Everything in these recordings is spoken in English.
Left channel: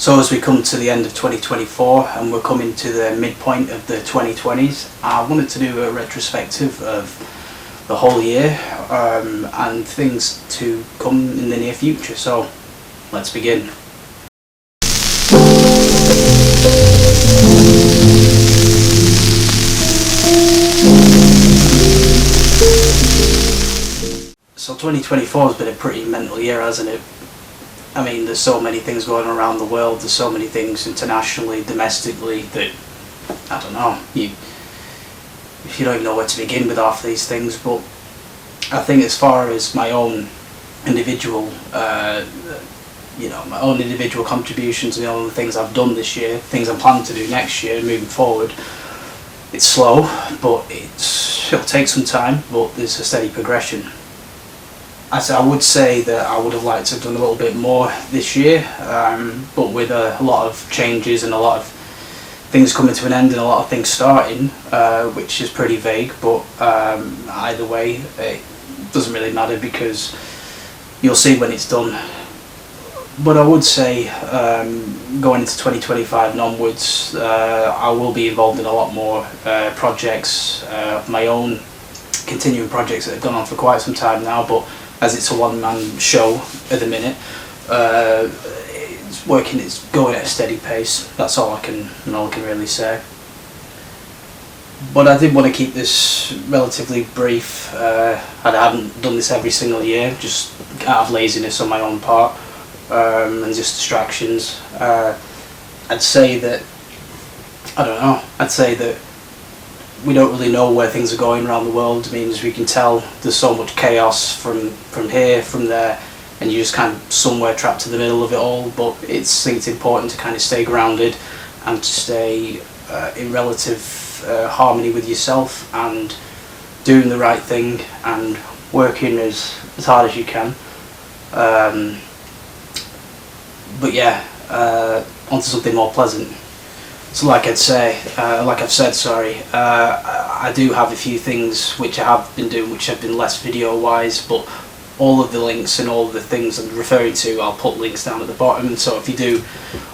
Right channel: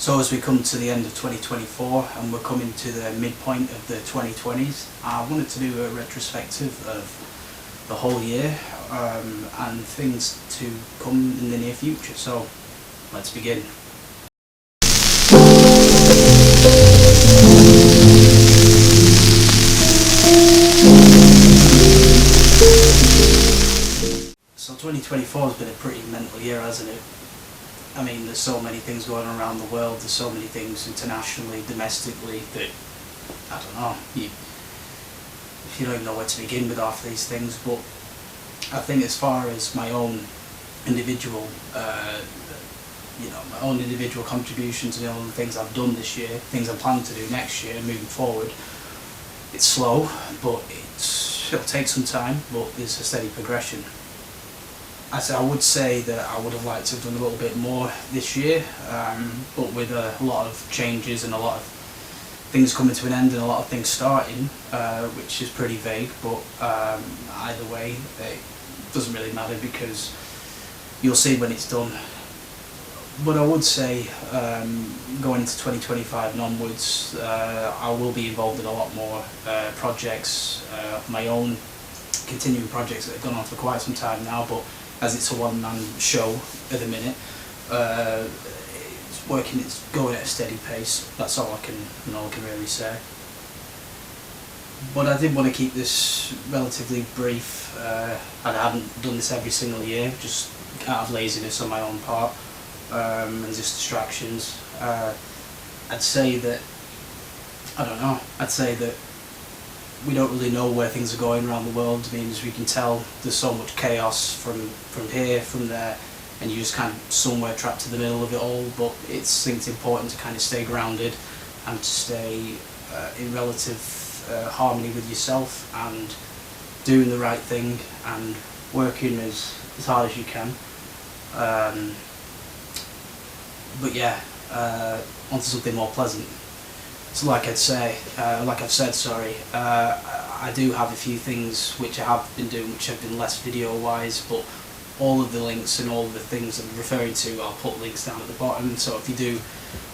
So as we come to the end of 2024 and we're coming to the midpoint of the 2020s, I wanted to do a retrospective of the whole year and things to come in the near future. So let's begin. So 2024 has been a pretty mental year, hasn't it? I mean, there's so many things going on around the world, there's so many things internationally, domestically, that, I don't know, you don't even know where to begin with half these things. But I think as far as my own individual, my own individual contributions and all the things I've done this year, things I'm planning to do next year, moving forward, it's slow, but it'll take some time, but there's a steady progression. I would say that I would have liked to have done a little bit more this year, but with a lot of changes and a lot of things coming to an end and a lot of things starting, which is pretty vague, but either way it doesn't really matter because you'll see when it's done. But I would say going into 2025 and onwards, I will be involved in a lot more projects of my own, continuing projects that have gone on for quite some time now, but as it's a one-man show at the minute, it's going at a steady pace. That's all I can really say. But I did want to keep this relatively brief. I haven't done this every single year, just out of laziness on my own part, and just distractions. I'd say that we don't really know where things are going around the world. I mean, as we can tell, there's so much chaos from here, from there, and you're just kind of somewhere trapped in the middle of it all. But I think it's important to kind of stay grounded and to stay in relative harmony with yourself and doing the right thing and working as hard as you can. But yeah, onto something more pleasant. So like I've said, I do have a few things which I have been doing which have been less video wise, but all of the links and all of the things I'm referring to, I'll put links down at the bottom. So if you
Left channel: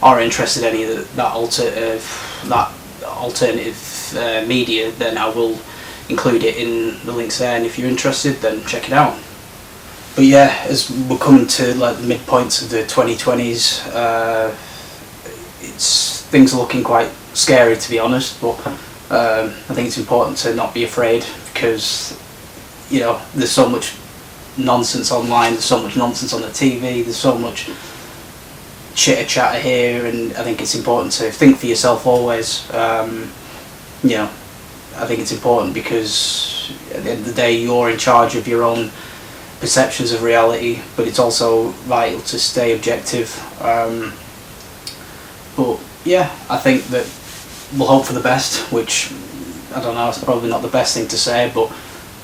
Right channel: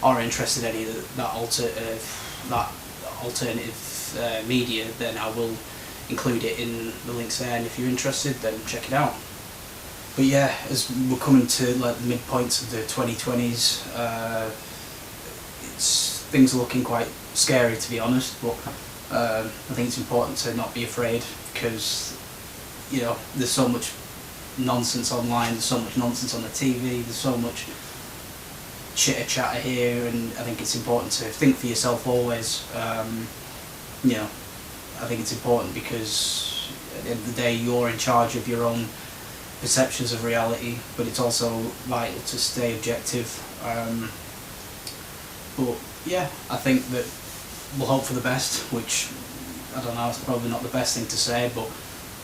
are interested in any of that alternative media, then I will include it in the links there, and if you're interested, then check it out. But yeah, as we're coming to like the midpoints of the 2020s, things are looking quite scary, to be honest, but I think it's important to not be afraid because, there's so much nonsense online, there's so much nonsense on the TV, there's so much chitter-chatter here, and I think it's important to think for yourself always. I think it's important because at the end of the day you're in charge of your own perceptions of reality, but it's also vital to stay objective. But yeah, I think that we'll hope for the best, which, I don't know, it's probably not the best thing to say, but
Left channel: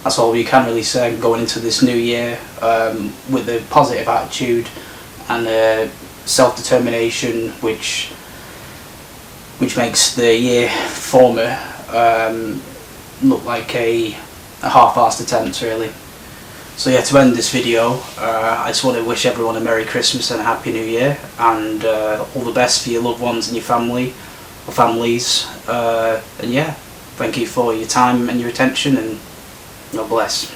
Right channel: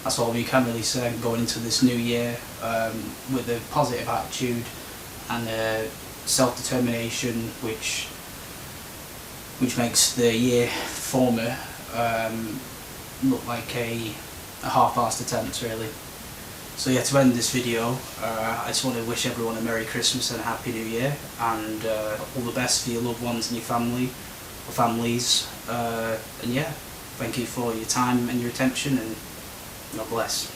that's all you can really say going into this new year, with a positive attitude and self-determination, which makes the year former look like a half-assed attempt, really. So yeah, to end this video, I just want to wish everyone a Merry Christmas and a Happy New Year, and all the best for your loved ones and your family, or families, and yeah, thank you for your time and your attention, and God bless.